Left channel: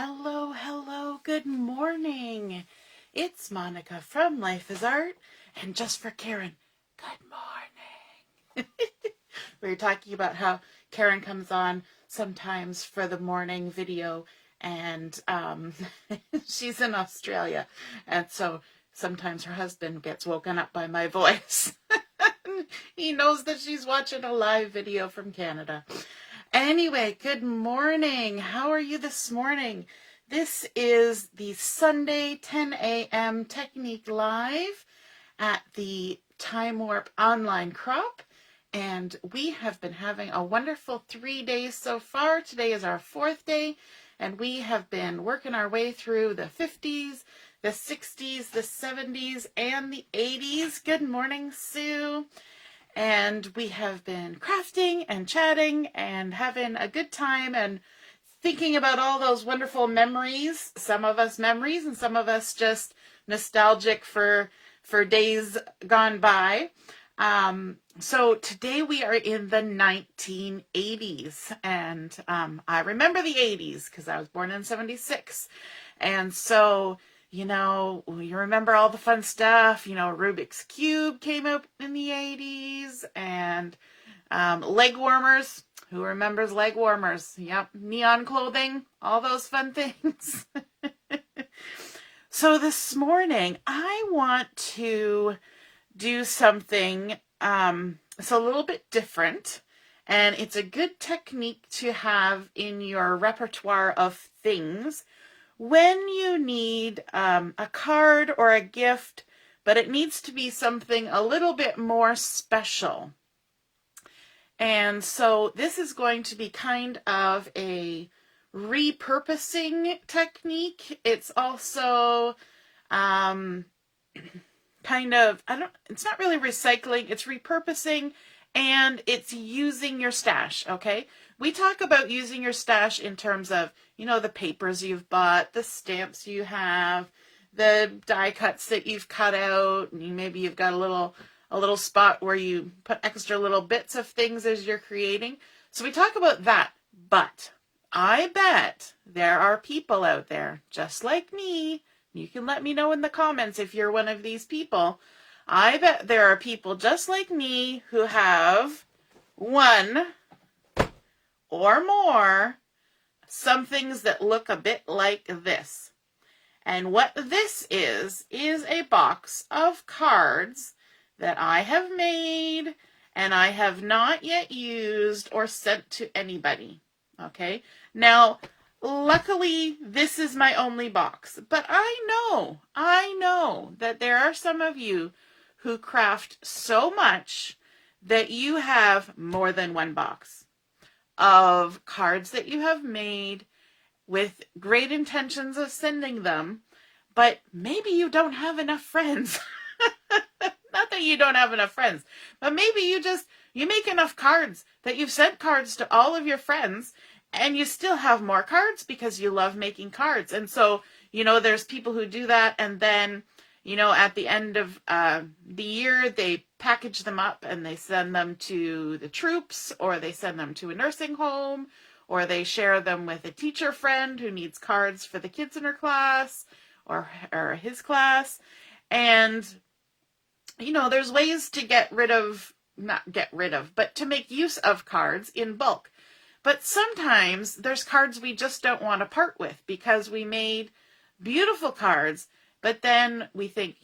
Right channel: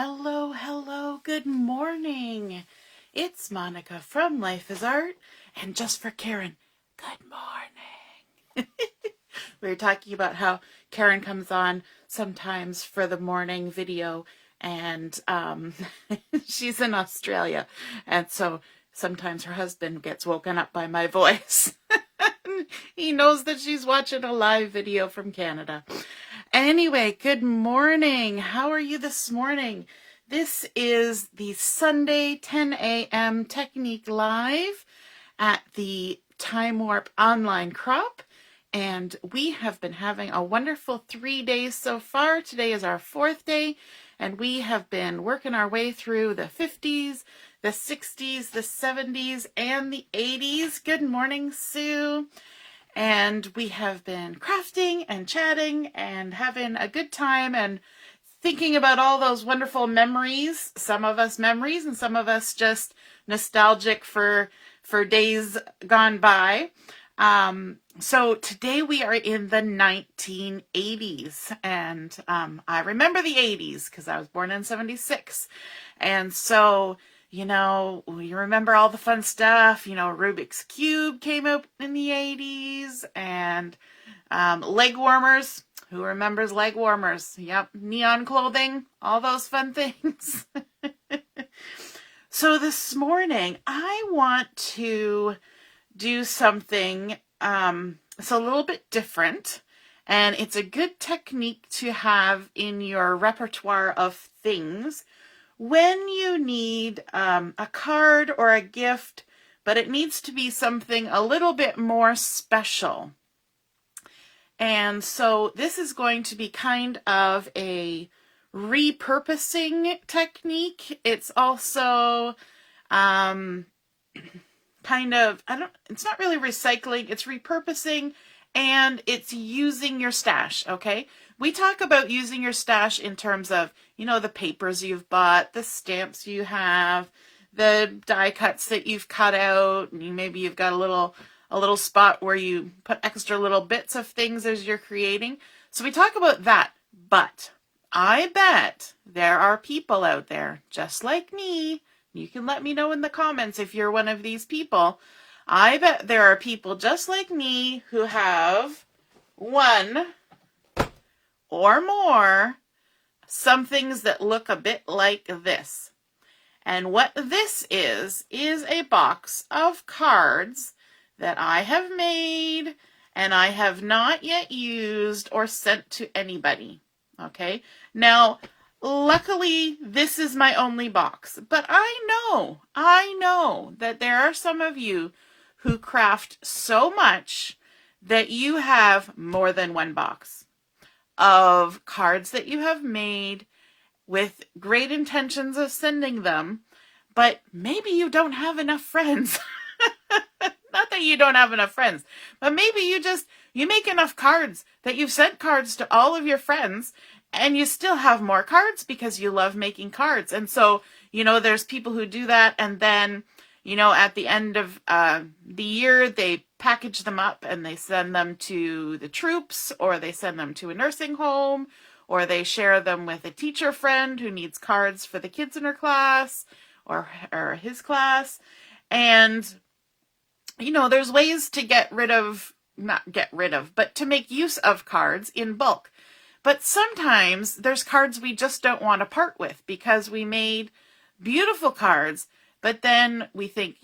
Hello, good morning. It's Monica from Life is Art, and just for Karen, good morning. We were talking about how Karen comes on sometimes for the morning video, and she's in Australia, and so sometimes her husband gets woken up by my voice. He knows that she's watching a live video from Canada. Anyway, good morning. How are you this morning? This is the Sunday 10 a.m. Technique Live at the Time Warp Online Crop. And we have been having a wonderful 3 days so far. Today is our 4th day. And we have been working our way through the 50s, the 60s, the 70s, and the 80s. Good morning, Sue. And we have been crafting and chatting and having a good time and thinking about all those wonderful memories. Some of us memories and some of us just nostalgic for days gone by. So today we are in the 1980s. And I remember the 80s because I was born in 76. And so, you remember all the fun stuff. Rubik's Cube came out in the 80s, and leg warmers. Who remembers leg warmers? Yep, neon clothing, all those fun things. So this morning, I want to do something it's a little bit different, and it's a good technique to have in your repertoire of things when you need a card or a gift, but it needs to be something a little bit more special. And so this is going to be kind of a repurposing technique. It's also it's not really recycling, it's repurposing, and it's using your stash, okay? We talk about using your stash in terms of, the papers you've bought, the stamps you have, the die cuts that you've cut out, and maybe you've got a little spot where you put extra little bits of things as you're creating. So we talk about that, but I bet there are people out there just like me. You can let me know in the comments if you're one of these people. I bet there are people just like me who have one or more some things that look a bit like this. And what this is a box of cards that I have made and I have not yet used or sent to anybody. Okay? Now, luckily, this is my only box, but I know that there are some of you who craft so much that you have more than one box of cards that you have made with great intentions of sending them, but maybe you don't have enough friends. Not that you don't have enough friends, but maybe you make enough cards that you've sent cards to all of your friends, and you still have more cards because you love making cards. And so, there's people who do that, and then, at the end of the year, they package them up and they send them to the troops, or they send them to a nursing home, or they share them with a teacher friend who needs cards for the kids in her class or his class. And, there's ways to but to make use of cards in bulk. But sometimes there's cards we just don't want to part with because we made beautiful cards, but then we think,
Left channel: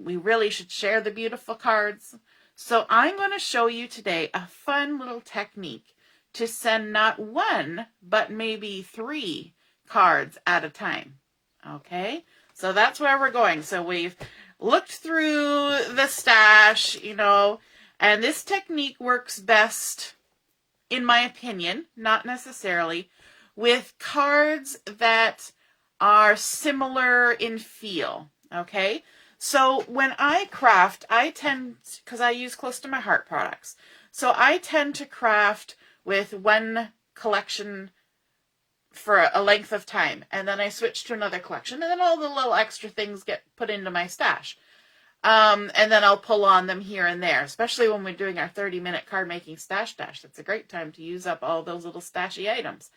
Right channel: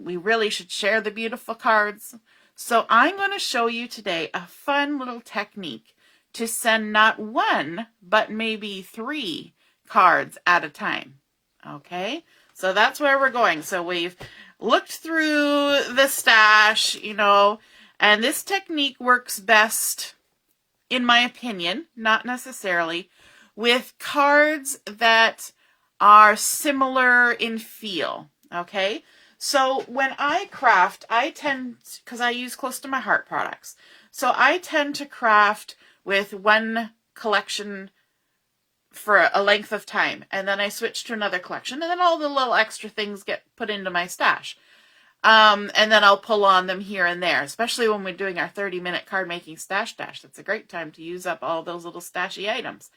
we really should share the beautiful cards. So I'm going to show you today a fun little technique to send not one, but maybe 3 cards at a time. Okay? So that's where we're going. So we've looked through the stash, and this technique works best, in my opinion, not necessarily, with cards that are similar in feel, okay? So when I craft, because I use Close to My Heart products, so I tend to craft with one collection for a length of time, and then I switch to another collection, and then all the little extra things get put into my stash. And then I'll pull on them here and there, especially when we're doing our 30-minute card making stash dash. That's a great time to use up all those little stashy items.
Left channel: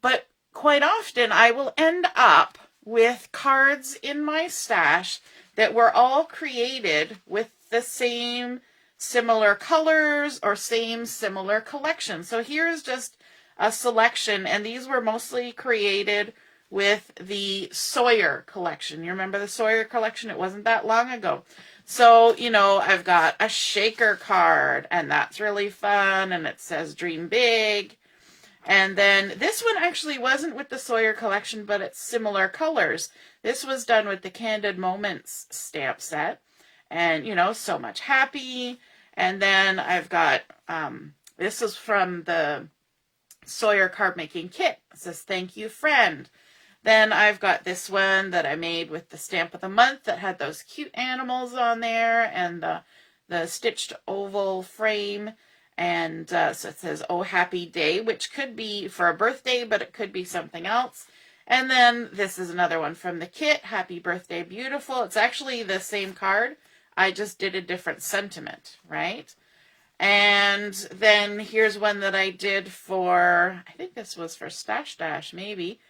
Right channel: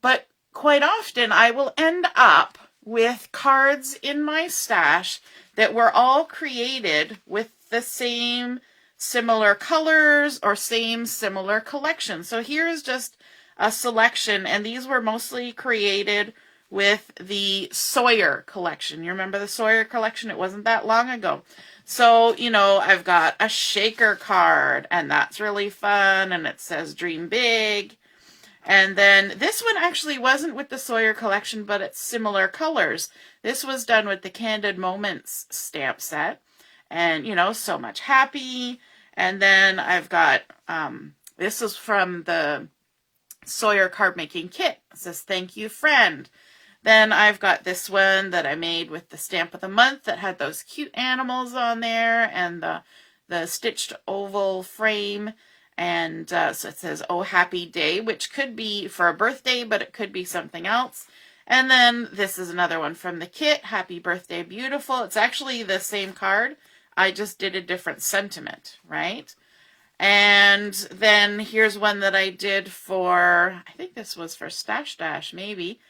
But quite often I will end up with cards in my stash that were all created with the same similar colors or same similar collection. So here's just a selection, and these were mostly created with the Sawyer collection. You remember the Sawyer collection? It wasn't that long ago. So, you know, I've got a shaker card, and that's really fun, and it says Dream Big. And then this one actually wasn't with the Sawyer collection, but it's similar colors. This was done with the Candid Moments stamp set. And, you know, So Much Happy. And then I've got, this was from the Sawyer card making kit. It says, Thank You, Friend. Then I've got this one that I made with the Stamp of the Month that had those cute animals on there and the stitched oval frame. And so it says, Oh, Happy Day, which could be for a birthday, but it could be something else. And then this is another one from the kit, Happy Birthday, Beautiful. It's actually the same card. I just did a different sentiment, right? And then here's one that I did for, I think this was for Stash Dash, maybe.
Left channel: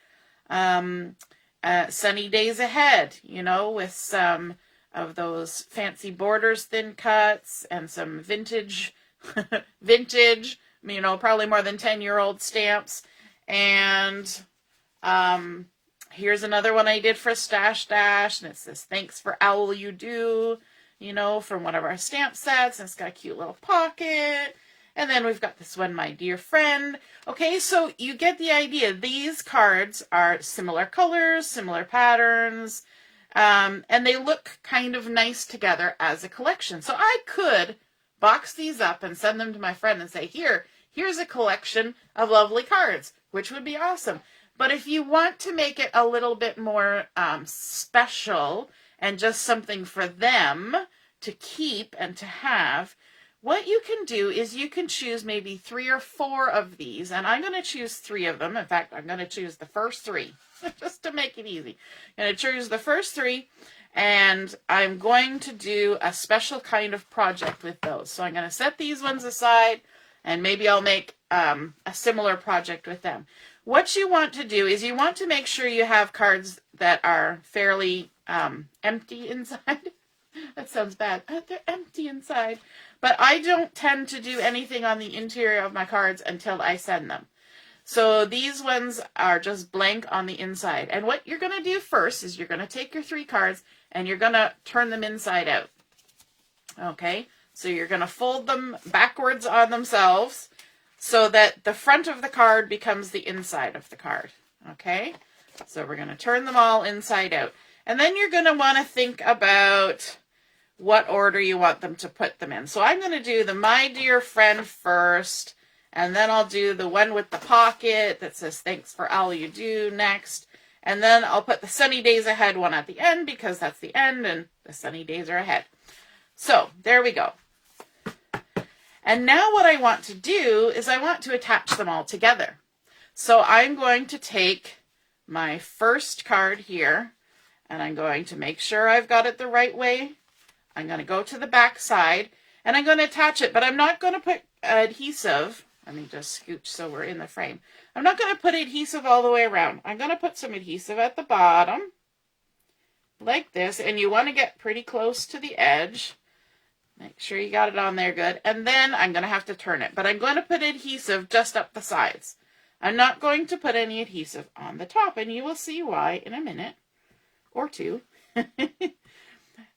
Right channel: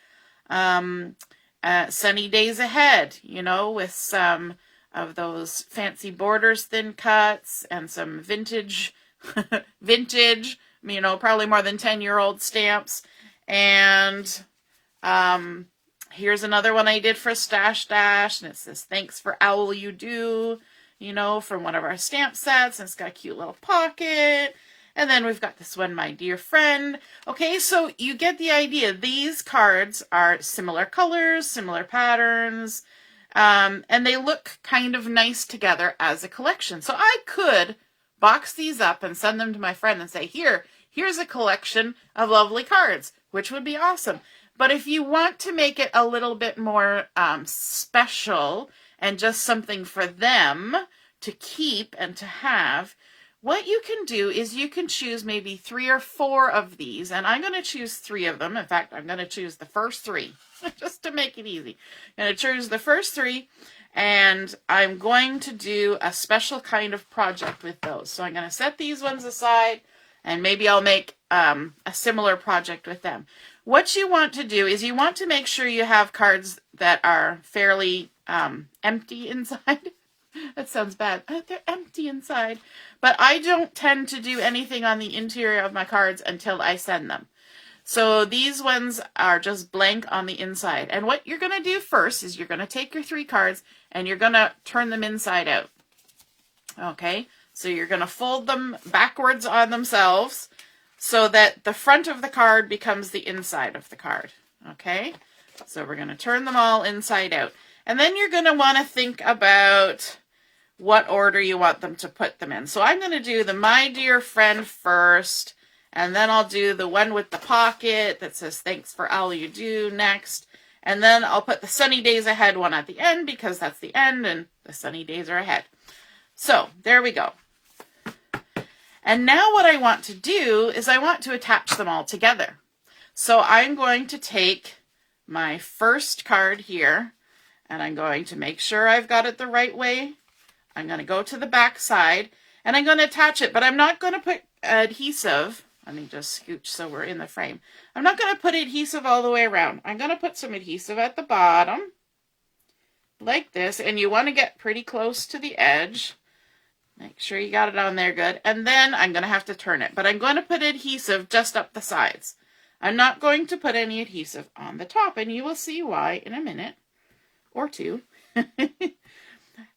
Sunny Days Ahead, you know, with some of those fancy borders, thin cuts, and some vintage, you know, probably more than 10-year-old stamps. And here's another one I did for Stash Dash, and it says, Thanks for All You Do, you know, from one of our stamp sets, and it's got a cute little pocket. And then we've got this one, My Dear Friend. Okay, so you get the idea. These cards are similar colors, similar patterns, and they look kind of nice together as a collection. So I could box these up and send them to my friend and say, here's a collection of lovely cards, which would be awesome. But if you want to make it a little bit more special and just something for them to keep and to have, what you can do is you can choose maybe 3 or 4 of these, and I'm going to choose 3 of them. In fact, I'm going to choose the first 3, just to make it easy. I'm going to choose the first 3, and I'm going to do a special kind of project with those. So I'm going to set these ones aside, and maybe I'll make a similar project with them. What you want to do is you want to make sure you have cards that are fairly empty inside. That sounds bad. They're empty inside. But I don't tend to do anything on the interior of my cards until I send them. So these ones are just blank on the inside. And what you're going to do first is you're going to take your 3 cards and you're going to turn them inside out. Okay? So you're going to fold them backwards on themselves so that the front of the card becomes the inside of the card. Okay? So we're going to turn them all inside out. And then you're going to want to think about what order you want them to put them in. So I'm going to do the My Dear Friend first, and then I'll do the one with the pocket that says Thanks for All You Do next, and then I'll put the Sunny Days Ahead one at the end because that's the end and the sunny days are ahead. So there we go. And now what I want to do is I want to attach them all together. So I'm going to take my first card here, and I'm going to make sure I've got it the right way. I'm going to go to the back side, and I'm going to attach it, but I'm not going to put adhesive. Let me just scooch so we're in the frame. I'm not going to put adhesive all the way around. I'm going to put some adhesive at the bottom, like this, and you want to get pretty close to the edge. Make sure you got it on there good, and then I'm going to have to turn it, but I'm going to put adhesive just up the sides. I'm not going to put any adhesive on the top, and you will see why in a minute or two.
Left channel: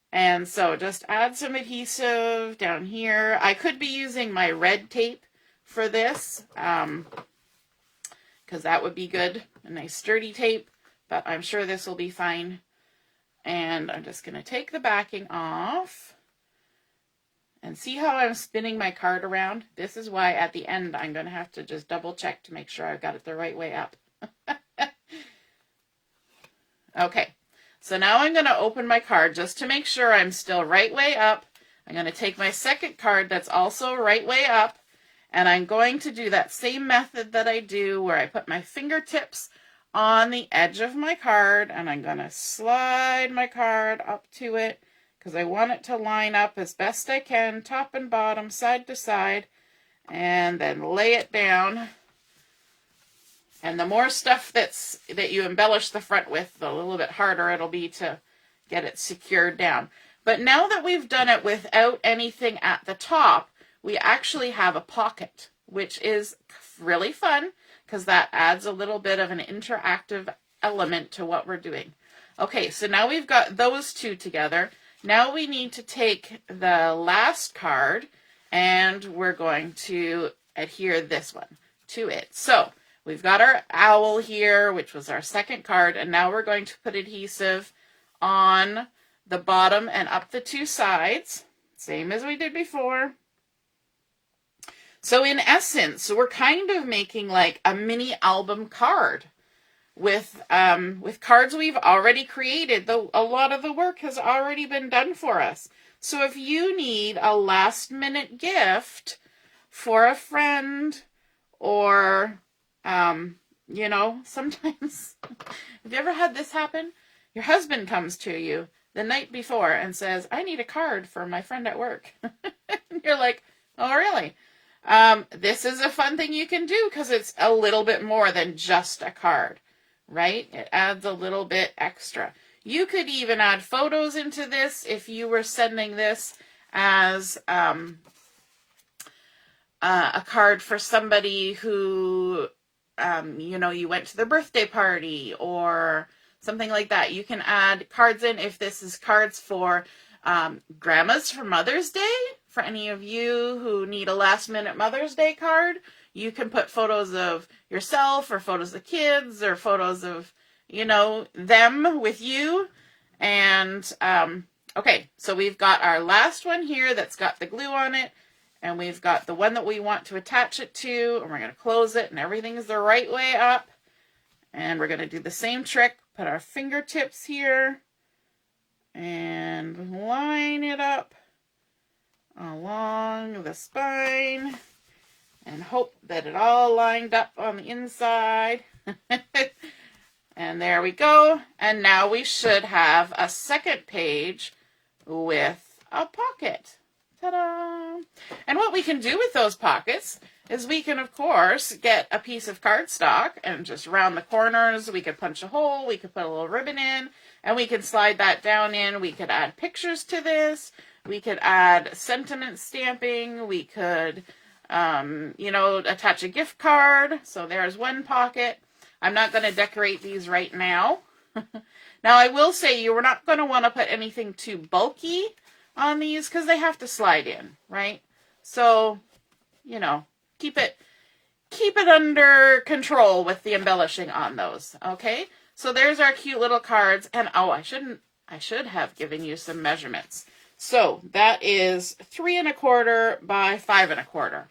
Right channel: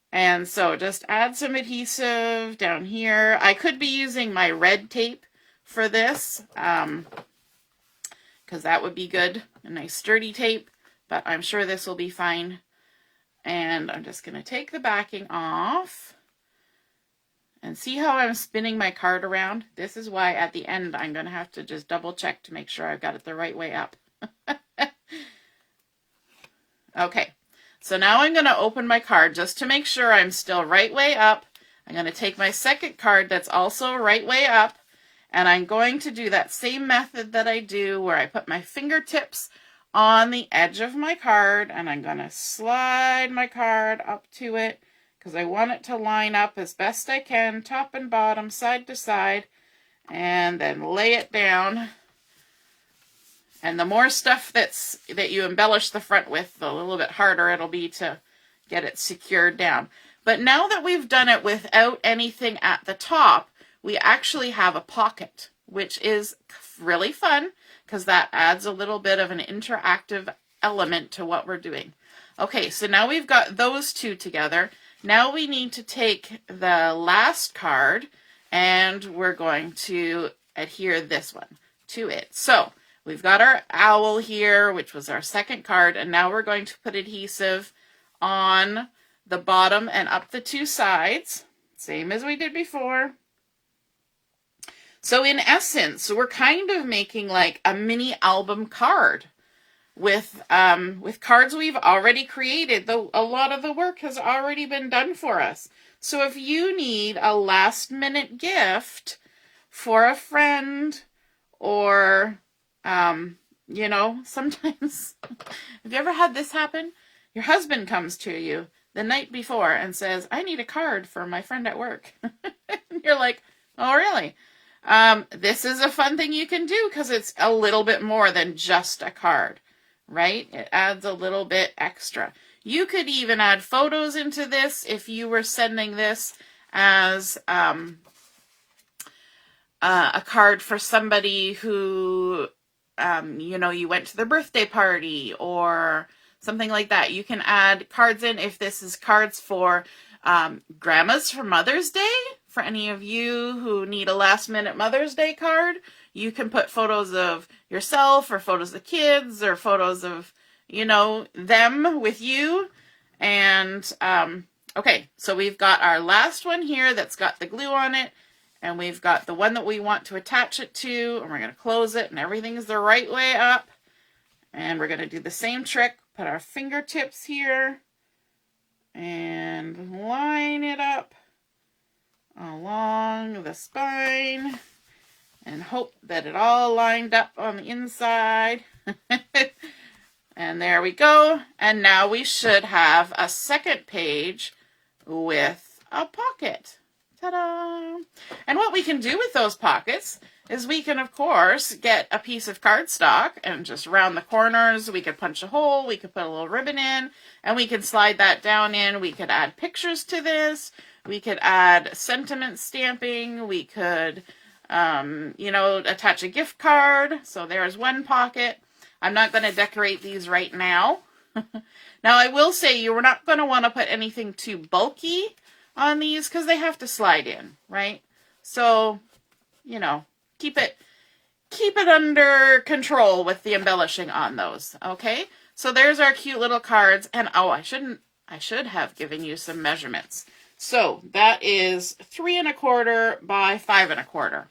And so just add some adhesive down here. I could be using my red tape for this, because that would be good, a nice sturdy tape, but I'm sure this will be fine. And I'm just going to take the backing off. And see how I'm spinning my card around? This is why at the end I'm going to have to just double check to make sure I've got it the right way up. Okay. So now I'm going to open my card just to make sure I'm still right way up. I'm going to take my second card that's also right way up, and I'm going to do that same method that I do where I put my fingertips on the edge of my card, and I'm going to slide my card up to it because I want it to line up as best I can, top and bottom, side to side, and then lay it down And the more stuff that you embellish the front with, the little bit harder it'll be to get it secured down. But now that we've done it without anything at the top, we actually have a pocket, which is really fun because that adds a little bit of an interactive element to what we're doing. Okay, so now we've got those two together. Now we need to take the last card and we're going to adhere this one to it. So we've got our owl here, which was our second card, and now we're going to put adhesive on the bottom and up the two sides, same as we did before. So in essence, we're kind of making like a mini album card with cards we've already created. A lot of the work has already been done for us. So if you need a last minute gift for a friend, or you know, sometimes, have you ever had this happen? Your husband comes to you the night before and says, I need a card for my friend at work. You're like, oh, really? This is a fun thing you can do because it's a little bit more than just a card, right? It adds a little bit extra. You could even add photos into this if you were sending this as a card for somebody who, you know, you went to their birthday party or something like that. You can add cards in if this is cards for grandmas for Mother's Day. For any of you who need a last minute Mother's Day card, you can put photos of yourself or photos of kids or photos of, you know, them with you. And, okay, so we've got our last one here that's got the glue on it. And we've got the one that we want to attach it to. And we're going to close it and everything's the right way up. And we're going to do the same trick. Put our fingertips here. And line it up along the spine. And hope that it all lined up on the inside. And there we go. And now we should have a second page with a pocket. Ta-da! And what we can do with those pockets is we can, of course, get a piece of cardstock and just round the corners. We could punch a hole. We could put a little ribbon in, and we could slide that down in. We could add pictures to this. We could add sentiment stamping. We could, you know, attach a gift card. So there's one pocket. I'm not going to decorate these right now. Now, I will say you're not going to want to put anything too bulky on these because they have to slide in, right? So, you know, keep it under control with the embellishing on those, okay? So there's our cute little cards, and oh, I should have given you some measurements. So that is 3 1/4 by 5 1/4.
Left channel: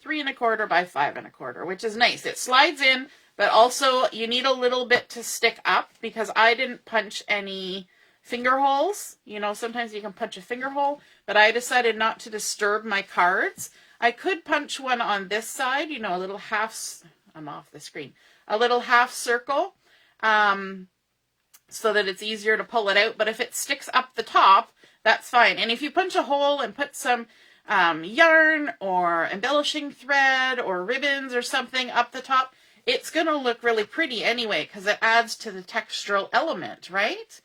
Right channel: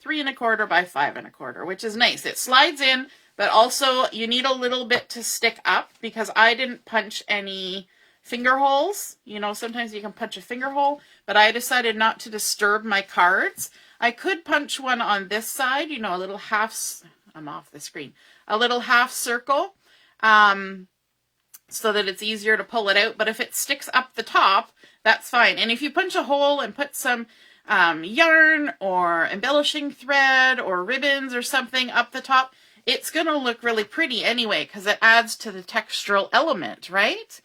3 1/4 by 5 1/4, which is nice. It slides in, but also you need a little bit to stick up because I didn't punch any finger holes. You know, sometimes you can punch a finger hole, but I decided not to disturb my cards. I could punch one on this side, you know, a little half, I'm off the screen, a little half circle, so that it's easier to pull it out. But if it sticks up the top, that's fine. And if you punch a hole and put some yarn or embellishing thread or ribbons or something up the top, it's going to look really pretty anyway because it adds to the textural element, right?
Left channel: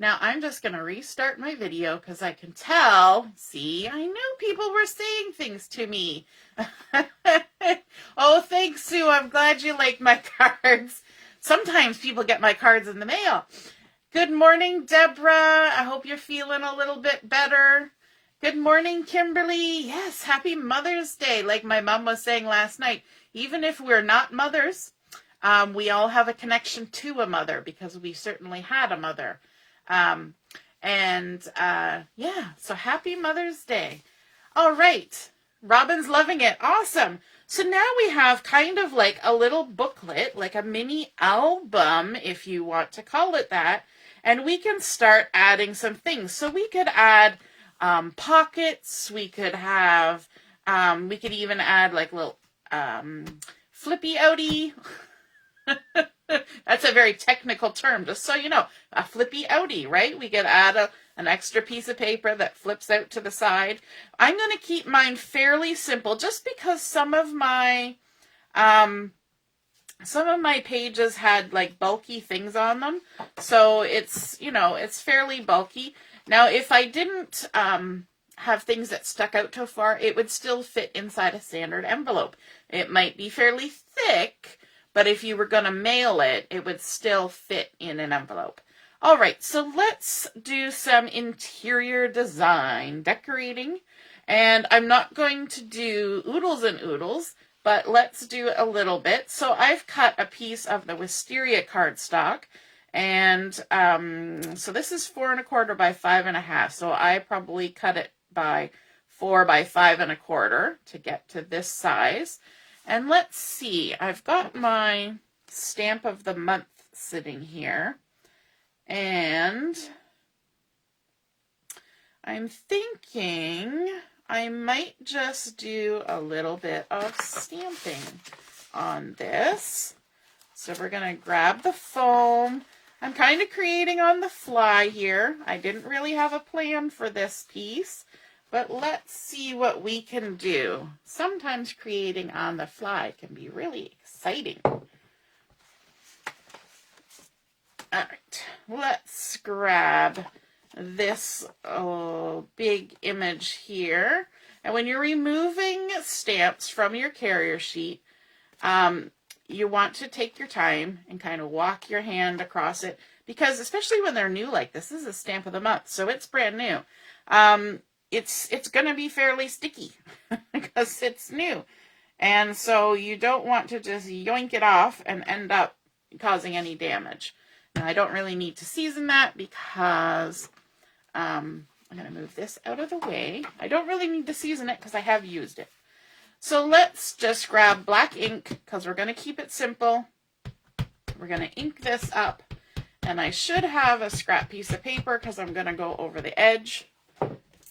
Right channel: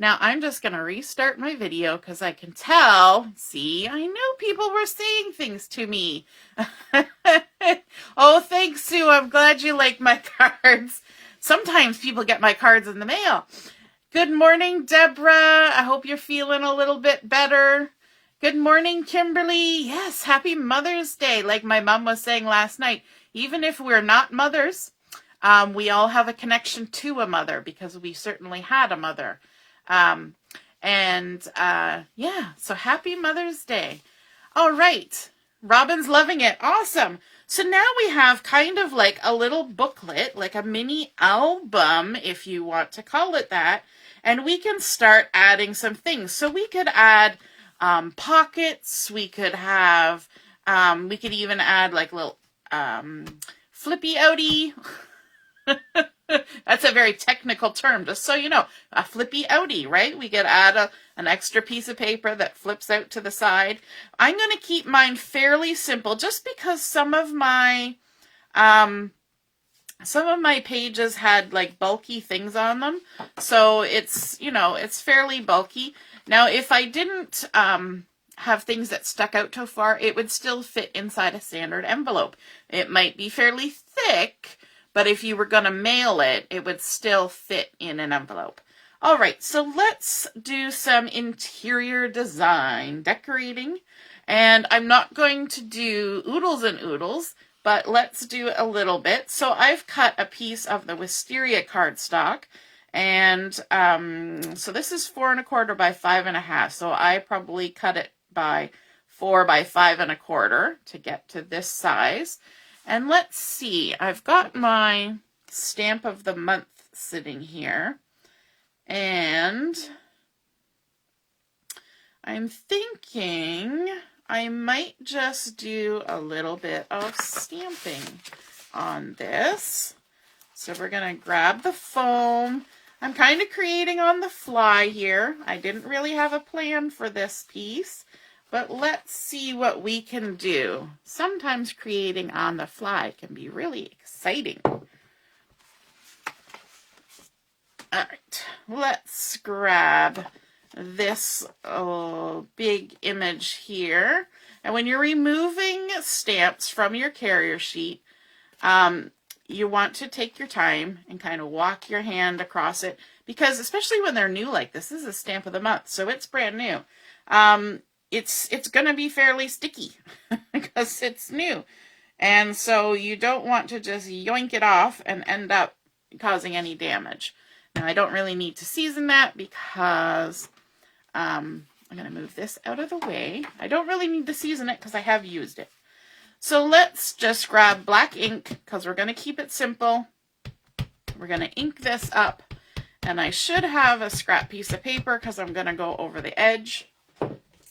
Now, I'm just going to restart my video because I can tell, see, I know people were saying things to me. Oh, thanks, Sue. I'm glad you like my cards. Sometimes people get my cards in the mail. Good morning, Deborah. I hope you're feeling a little bit better. Good morning, Kimberly. Yes, happy Mother's Day. Like my mom was saying last night, even if we're not mothers, we all have a connection to a mother because we certainly had a mother. Yeah, so happy Mother's Day. All right. Robin's loving it. Awesome. So now we have kind of like a little booklet, like a mini album, if you want to call it that. And we can start adding some things. So we could add pockets. We could have, we could even add like little flippy outie. That's a very technical term, just so you know. A flippy outie, right? We could add an extra piece of paper that flips out to the side. I'm going to keep mine fairly simple just because some of my some of my pages had like bulky things on them. So it's, you know, it's fairly bulky. Now, if I didn't have things that stuck out too far, it would still fit inside a standard envelope. It might be fairly thick, but if you were going to mail it, it would still fit in an envelope. All right, so let's do some interior design, decorating. And I'm not going to do oodles and oodles, but let's do a little bit. So I've cut a piece of the wisteria cardstock, and so this is 4 1/4 by 5 1/2. So I probably cut it by 4 by 5 1/4 to get to this size. And let's see, I've got my stamp of the month sitting here, and I'm thinking I might just do a little bit of stamping on this. So we're going to grab the foam. I'm kind of creating on the fly here. I didn't really have a plan for this piece, but let's see what we can do. Sometimes creating on the fly can be really exciting. All right, let's grab this big image here. And when you're removing stamps from your carrier sheet, you want to take your time and kind of walk your hand across it, because especially when they're new like this is a stamp of the month, so it's brand new. It's going to be fairly sticky because it's new. And so you don't want to just yoink it off and end up causing any damage. Now, I don't really need to season that because I'm going to move this out of the way. I don't really need to season it because I have used it. So let's just grab black ink because we're going to keep it simple. We're going to ink this up, and I should have a scrap piece of paper because I'm going to go over the edge.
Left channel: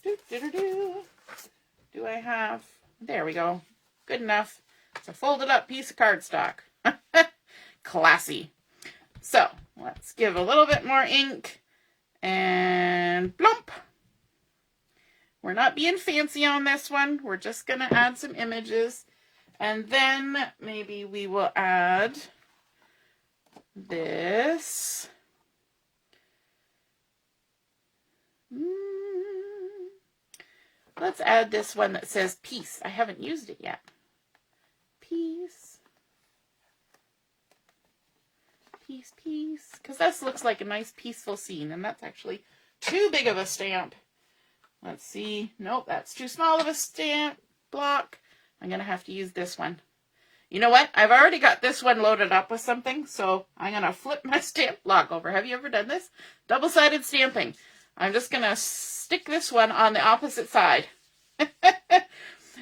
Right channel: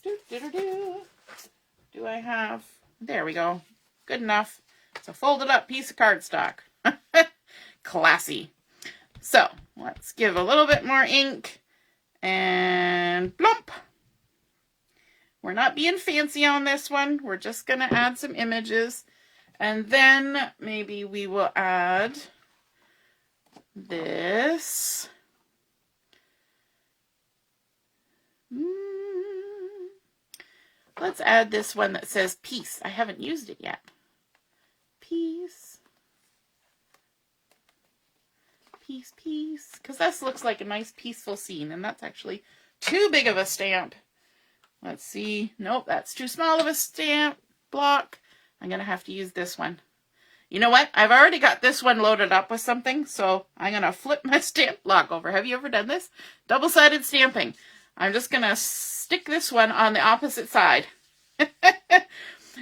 Do I have? There we go. Good enough. It's a folded up piece of cardstock. Classy. So let's give a little bit more ink and plump. We're not being fancy on this one. We're just going to add some images. And then maybe we will add this. Let's add this one that says peace. I haven't used it yet. Peace. Peace, peace. Because this looks like a nice peaceful scene. And that's actually too big of a stamp. Let's see. Nope, that's too small of a stamp block. I'm going to have to use this one. You know what? I've already got this one loaded up with something, so I'm going to flip my stamp block over. Have you ever done this? Double-sided stamping. I'm just going to stick this one on the opposite side.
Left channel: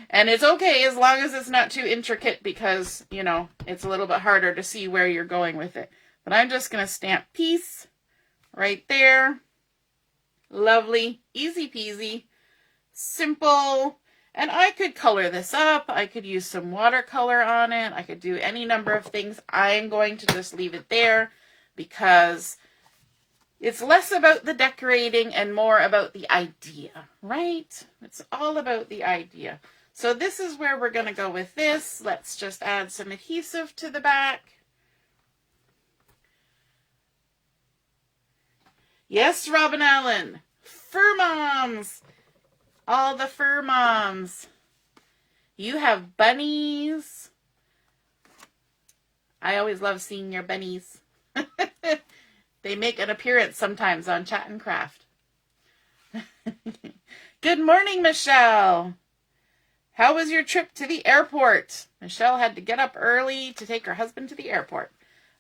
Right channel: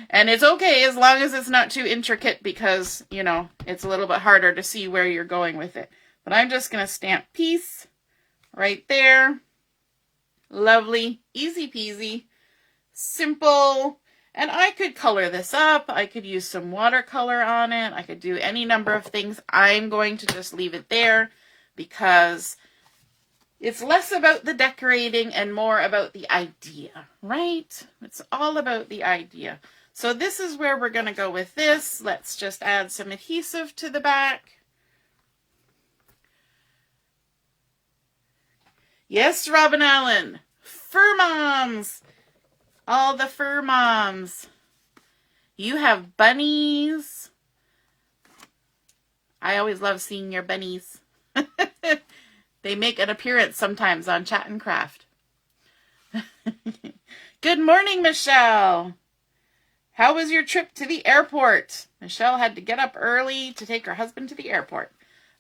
And it's okay as long as it's not too intricate because, you know, it's a little bit harder to see where you're going with it. But I'm just going to stamp peace right there. Lovely, easy peasy, simple. And I could color this up. I could use some watercolor on it. I could do any number of things. I'm going to just leave it there because it's less about the decorating and more about the idea, right? It's all about the idea. So this is where we're going to go with this. Let's just add some adhesive to the back. Yes, Robin Allen, fur moms, all the fur moms. You have bunnies. I always love seeing your bunnies. They make an appearance sometimes on Chat and Craft. Good morning, Michelle. How was your trip to the airport? Michelle had to get up early to take her husband to the airport.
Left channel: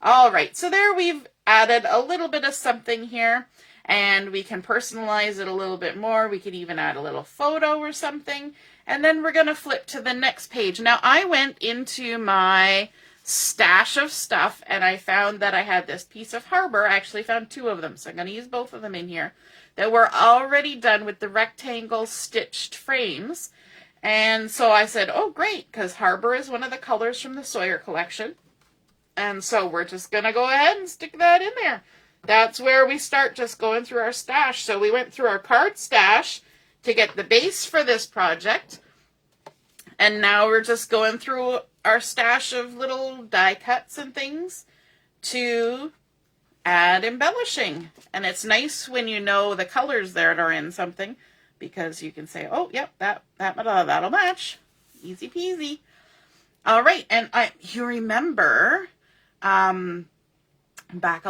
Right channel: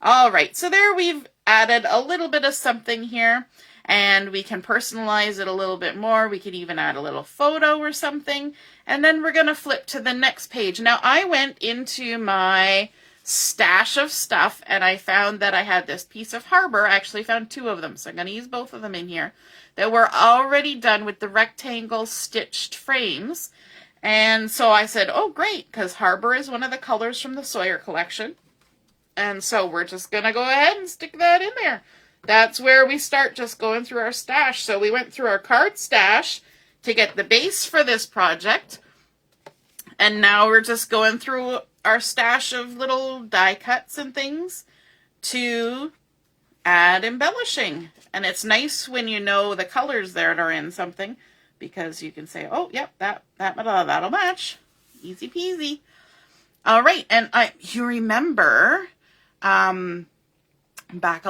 All right, so there we've added a little bit of something here, and we can personalize it a little bit more. We could even add a little photo or something, and then we're going to flip to the next page. Now, I went into my stash of stuff, and I found that I had this piece of Harbor. I actually found 2 of them, so I'm going to use both of them in here, that were already done with the rectangle stitched frames. And so I said, oh, great, because Harbor is one of the colors from the Sawyer collection. And so we're just going to go ahead and stick that in there. That's where we start just going through our stash. So we went through our card stash to get the base for this project. And now we're just going through our stash of little die cuts and things to add embellishing. And it's nice when you know the colors that are in something, because you can say, oh, yep, that'll match. Easy peasy. All right, and you remember back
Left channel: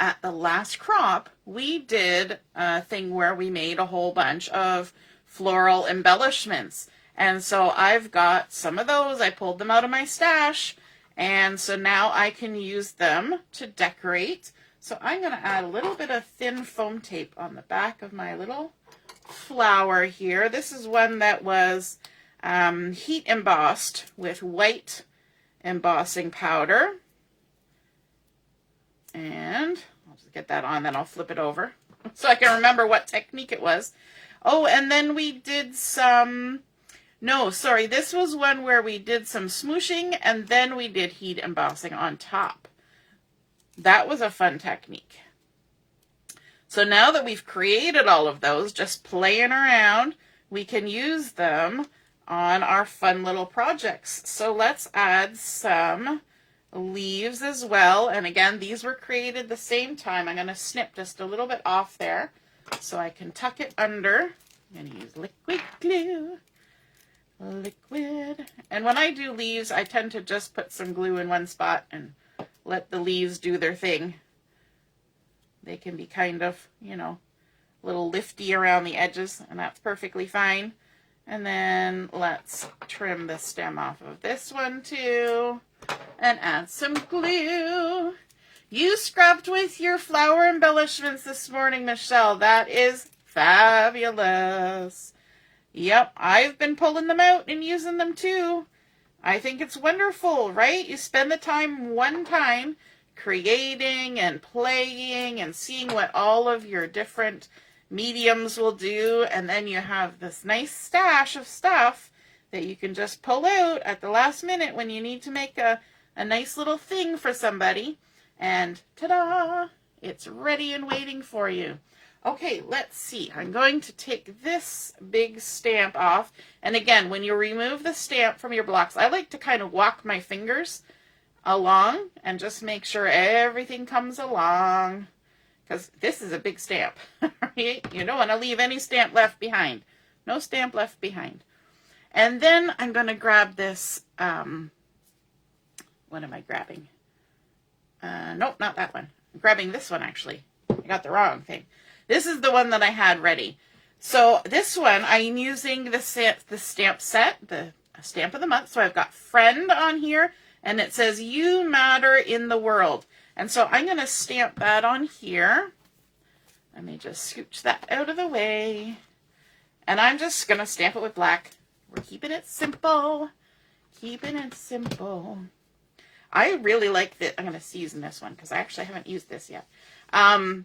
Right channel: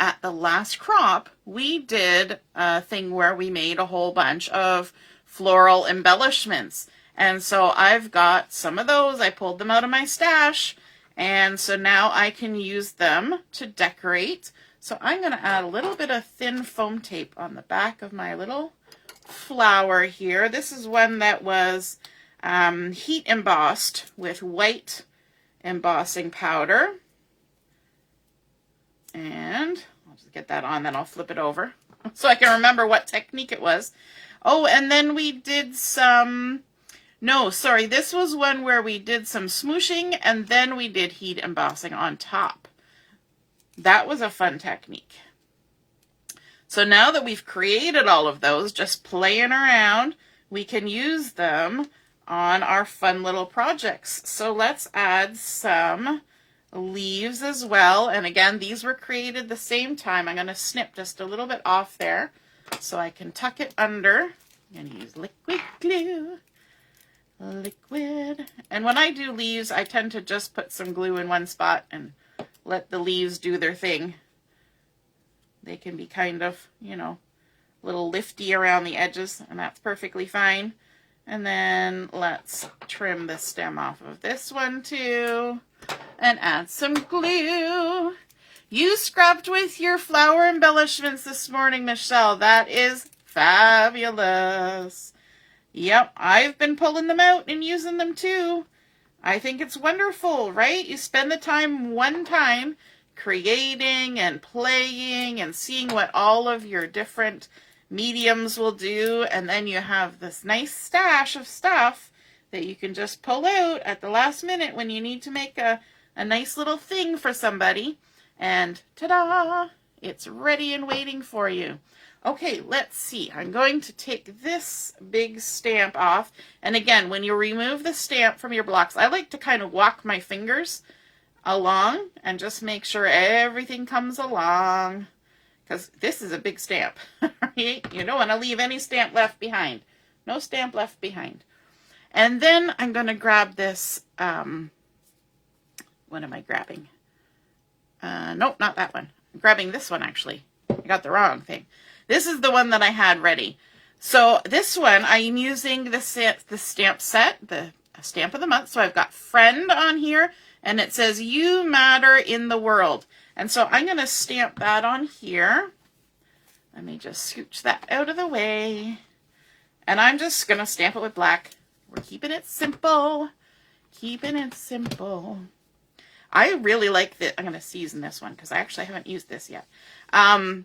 at the last crop, we did a thing where we made a whole bunch of floral embellishments. And so I've got some of those. I pulled them out of my stash. And so now I can use them to decorate. So I'm going to add a little bit of thin foam tape on the back of my little flower here. This is one that was heat embossed with white embossing powder. And I'll just get that on, then I'll flip it over so I can remember what technique it was. Oh, and then we did some, no, sorry, this was one where we did some smooshing and then we did heat embossing on top. That was a fun technique. So now that we've created all of those, just playing around, we can use them on our fun little projects. So let's add some leaves as well. And again, these were created the same time. I'm going to snip just a little bit off there so I can tuck it under. I'm going to use liquid glue. Liquid. And when I do leaves, I tend to just put some glue in one spot and let the leaves do their thing. They can be kind of, you know, a little lifty around the edges, and that's perfectly fine. And then let's trim the stem off of this one too and add some glue. You scrapped with your flower embellishments this morning, Michelle. That is fabulous. Yep, I've been pulling them out and using them too. I think it's wonderful, right? You spend the time one time creating and playing and seeing what all of your different mediums will do, and then you have this nice stash of stuff that you can just pull out at the last minute when you need to make a nice little thing for somebody, and ta-da, it's ready and waiting for you. Okay, let's see. I'm going to take this big stamp off, and again, when you remove the stamp from your blocks, I like to kind of walk my fingers along and just make sure everything comes along, because this is a big stamp. You don't want to leave any stamp left behind. No stamp left behind. And then I'm going to grab this, what am I grabbing? Nope, not that one. I'm grabbing this one, actually. I got the wrong thing. This is the one that I had ready. So this one, I'm using the stamp set, the stamp of the month. So I've got friend on here, and it says, you matter in the world. And so I'm going to stamp that on here. Let me just scooch that out of the way. And I'm just going to stamp it with black. We're keeping it simple. Keeping it simple. I really like the, I'm going to season this one because I actually haven't used this yet. I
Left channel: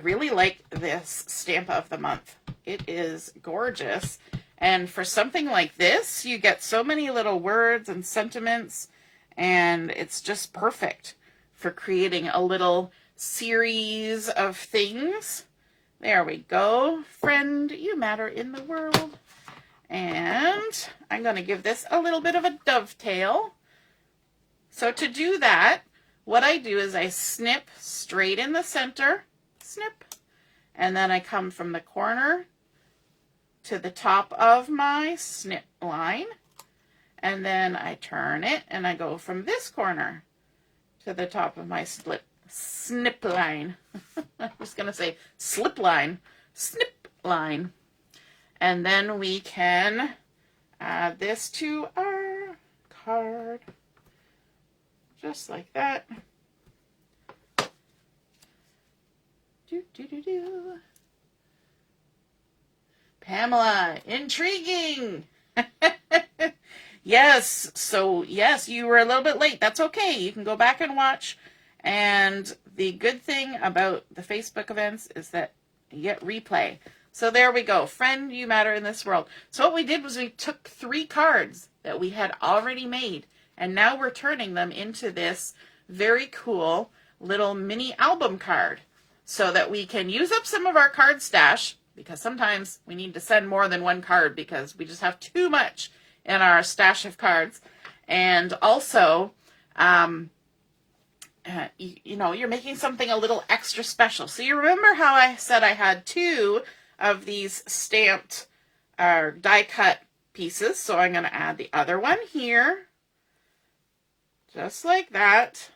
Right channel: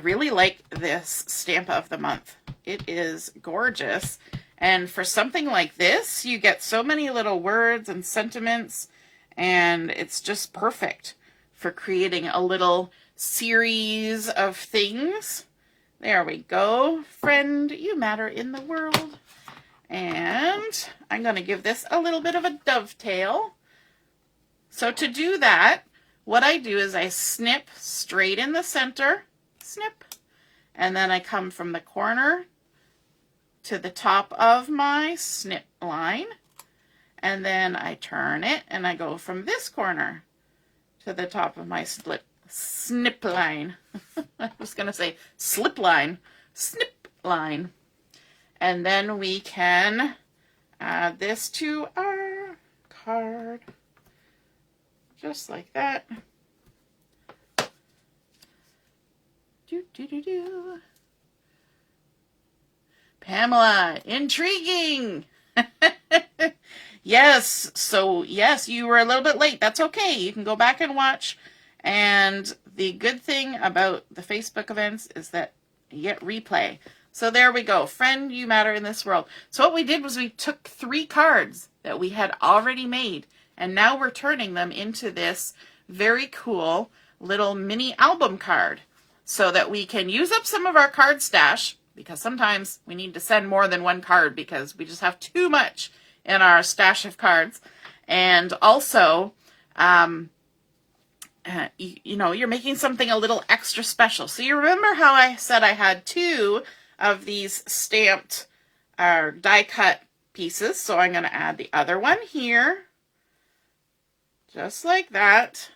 really like this stamp of the month. It is gorgeous. And for something like this, you get so many little words and sentiments, and it's just perfect for creating a little series of things. There we go. Friend, you matter in the world. And I'm going to give this a little bit of a dovetail. So to do that, what I do is I snip straight in the center, snip, and then I come from the corner to the top of my snip line, and then I turn it and I go from this corner to the top of my snip line. I was going to say slip line, snip line. And then we can add this to our card, just like that. Do, do, do, do. Pamela, intriguing. Yes, so yes, you were a little bit late. That's okay. You can go back and watch. And the good thing about the Facebook events is that you get replay. So there we go. Friend, you matter in this world. So what we did was we took 3 cards that we had already made, and now we're turning them into this very cool little mini album card so that we can use up some of our card stash, because sometimes we need to send more than one card because we just have too much in our stash of cards. And also, you know, you're making something a little extra special. So you remember how I said I had 2 of these stamped or die cut pieces. So I'm going to add the other one here, just like that.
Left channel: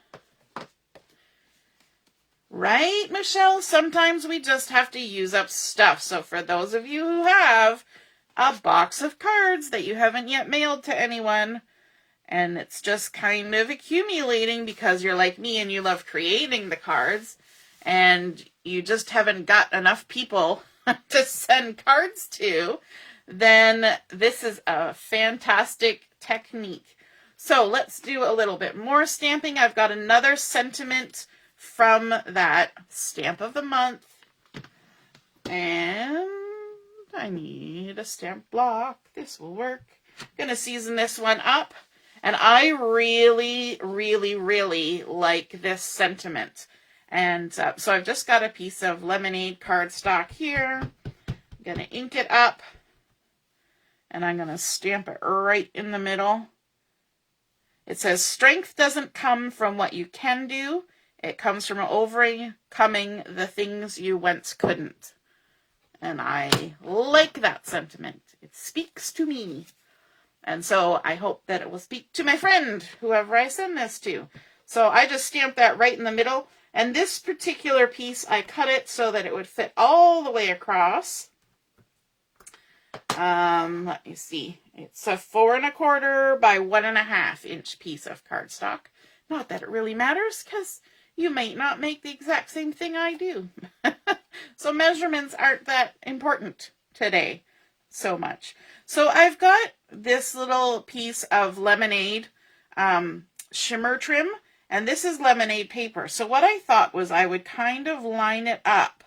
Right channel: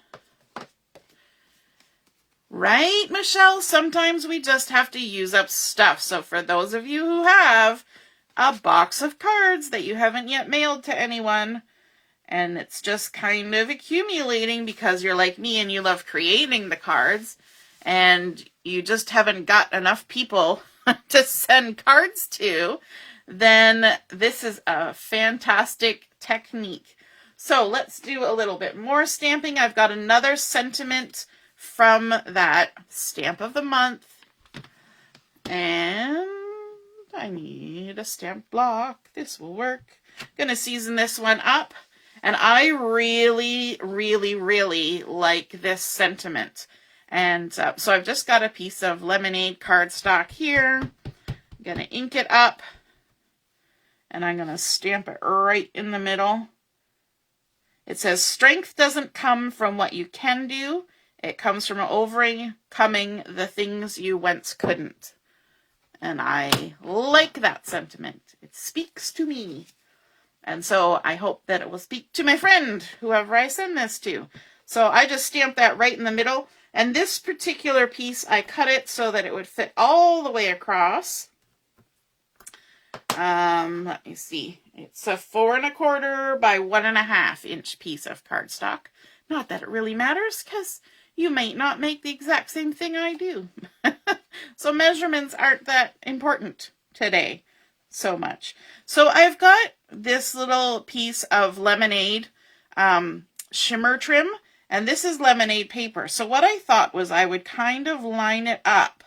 Right, Michelle? Sometimes we just have to use up stuff. So for those of you who have a box of cards that you haven't yet mailed to anyone, and it's just kind of accumulating because you're like me and you love creating the cards, and you just haven't got enough people to send cards to, then this is a fantastic technique. So let's do a little bit more stamping. I've got another sentiment from that stamp of the month, and I need a stamp block. This will work. I'm gonna season this one up, and I really like this sentiment. And so I've just got a piece of lemonade cardstock here. I'm gonna ink it up, and I'm gonna stamp it right in the middle. It says, "Strength doesn't come from what you can do. It comes from overcoming the things you once couldn't." And I like that sentiment. It speaks to me. And so I hope that it will speak to my friend, whoever I send this to. So I just stamped that right in the middle. And this particular piece, I cut it so that it would fit all the way across. Let me see. It's a 4 1/4 by 1 1/2 inch piece of cardstock. Not that it really matters, because you might not make the exact same thing I do. So measurements aren't that important today so much. So I've got this little piece of lemonade shimmer trim, and this is lemonade paper. So what I thought was I would kind of line it up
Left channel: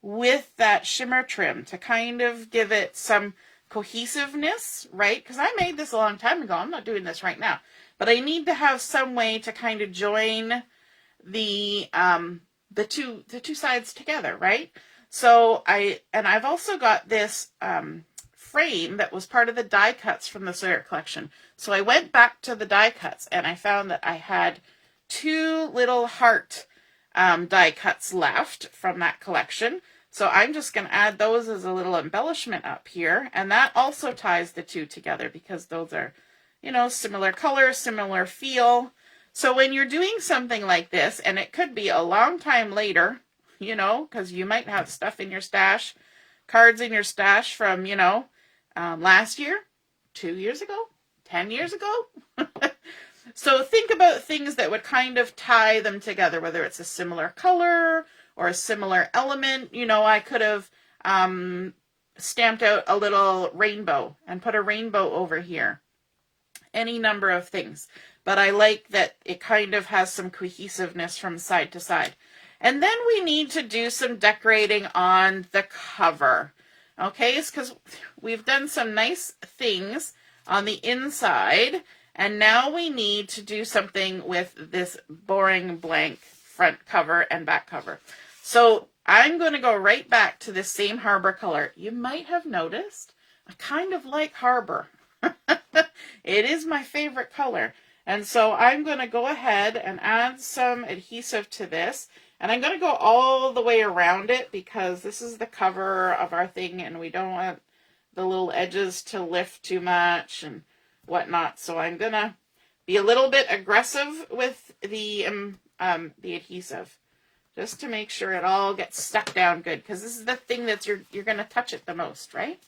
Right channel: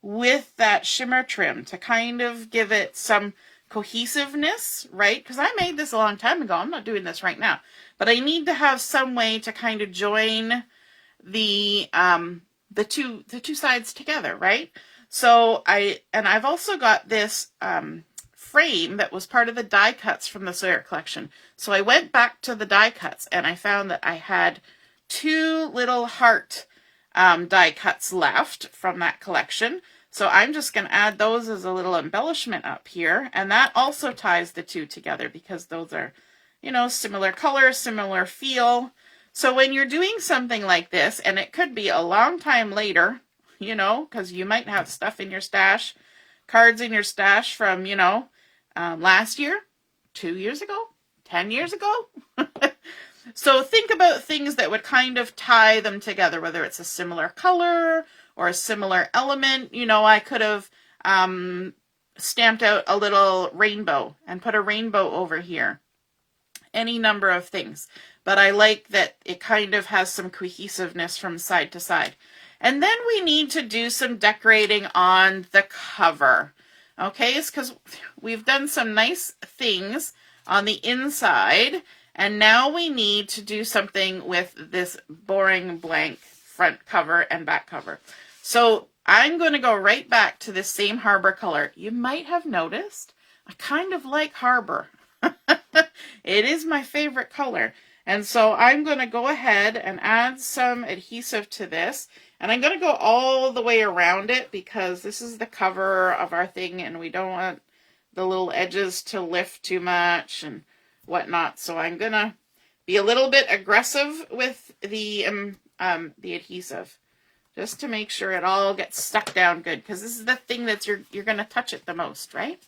with that shimmer trim to kind of give it some cohesiveness, right? Because I made this a long time ago. I'm not doing this right now. But I need to have some way to kind of join the two sides together, right? So I've also got this frame that was part of the die cuts from the Sawyer collection. So I went back to the die cuts, and I found that I had 2 little heart die cuts left from that collection. So I'm just going to add those as a little embellishment up here, and that also ties the 2 together because those are, you know, similar color, similar feel. So when you're doing something like this, and it could be a long time later, you know, because you might have stuff in your stash, cards in your stash from, you know, last year, 2 years ago, 10 years ago. So think about things that would kind of tie them together, whether it's a similar color or a similar element. You know, I could have stamped out a little rainbow and put a rainbow over here. Any number of things. But I like that it kind of has some cohesiveness from side to side. And then we need to do some decorating on the cover. Okay, it's because we've done some nice things on the inside, and now we need to do something with this boring blank front cover and back cover. So I'm going to go right back to the same Harbor color. You might have noticed I kind of like Harbor. It is my favorite color. And so I'm going to go ahead and add some adhesive to this. And I'm going to go all the way around it because this is the cover of our thing and we don't want the little edges to lift too much and whatnot. So I'm going to be a little bit aggressive with the adhesive just to make sure it all gets stuck down good, because this is the thing that you're going to touch it the most, right?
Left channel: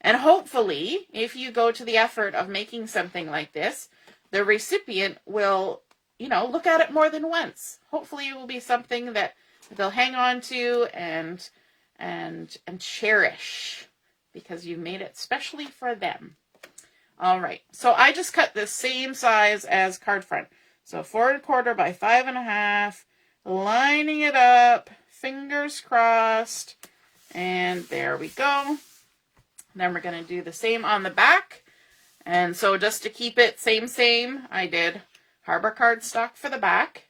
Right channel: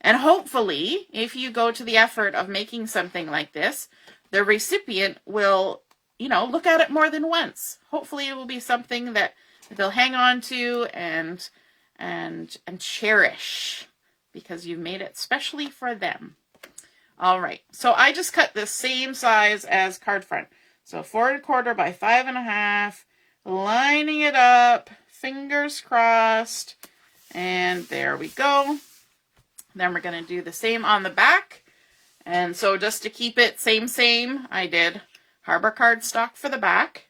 And hopefully, if you go to the effort of making something like this, the recipient will, you know, look at it more than once. Hopefully it will be something that they'll hang on to and cherish because you've made it specially for them. All right, so I just cut the same size as card front. So 4 1/4 by 5 1/2, lining it up, fingers crossed, and there we go. Then we're going to do the same on the back. And so just to keep it same, I did Harbor cardstock for the back.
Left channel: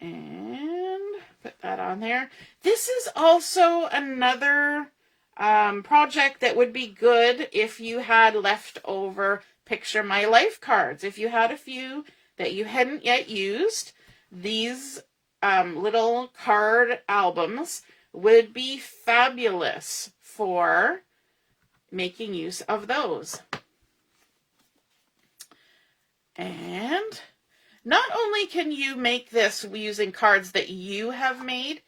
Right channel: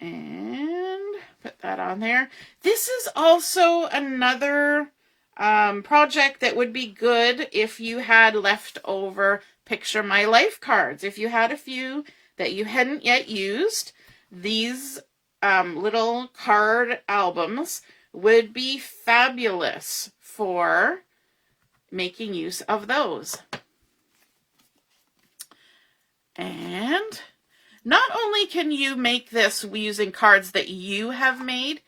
And put that on there. This is also another project that would be good if you had leftover Picture My Life cards. If you had a few that you hadn't yet used, these little card albums would be fabulous for making use of those. And not only can you make this using cards that you have made,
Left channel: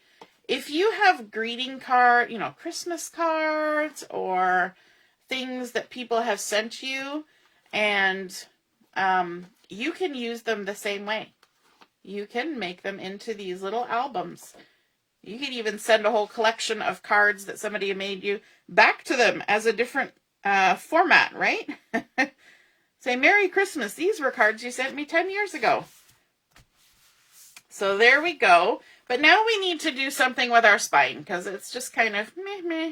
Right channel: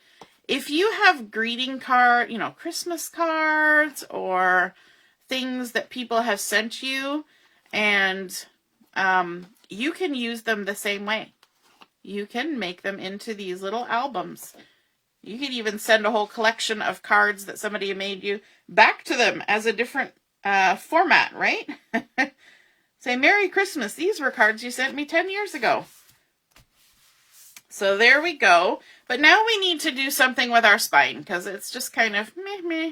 if you have greeting card, Christmas cards or things that people have sent you, and you can use them the same way. You can make them into these little albums. You can even send a whole collection of cards that somebody made you back to them as a different format, right? Say, Merry Christmas. These were cards you sent me 10 years ago. So there we go. But now we need to do something with our spine because it's just kind of meh.